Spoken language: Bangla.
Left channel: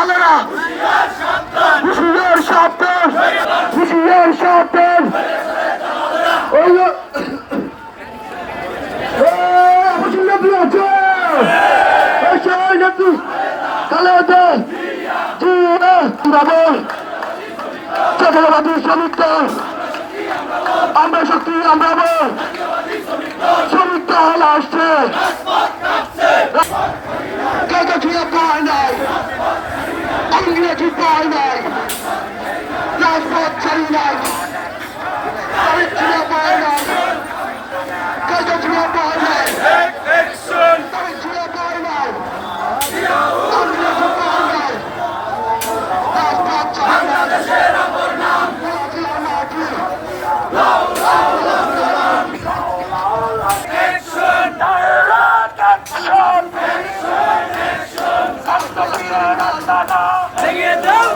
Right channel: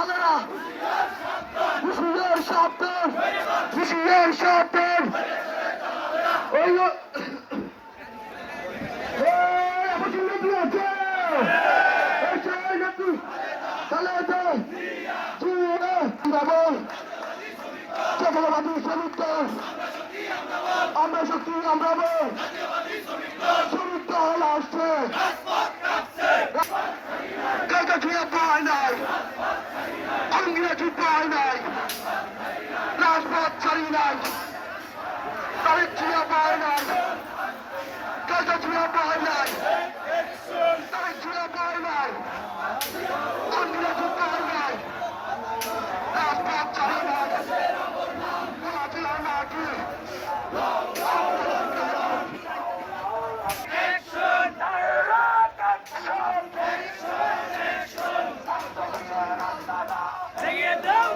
তালেরা হুশিয়ার সাবধান হুশিয়ার সাবধান ওই জাতীয়তাবাদী শ্রমিক দল আমরা শক্তি আমরা বল শ্রমিক দল আসছে কাগজিয়া পায় নাই ইংরেজি পায় নাই রাজপথ ছাড়ি নাই কাগজিয়া পায় নাই কাগজিয়া পায় নাই কাগজিয়া পায় নাই ইংরেজি পায় নাই রাজপথ ছাড়ি নাই ভেঙে দাও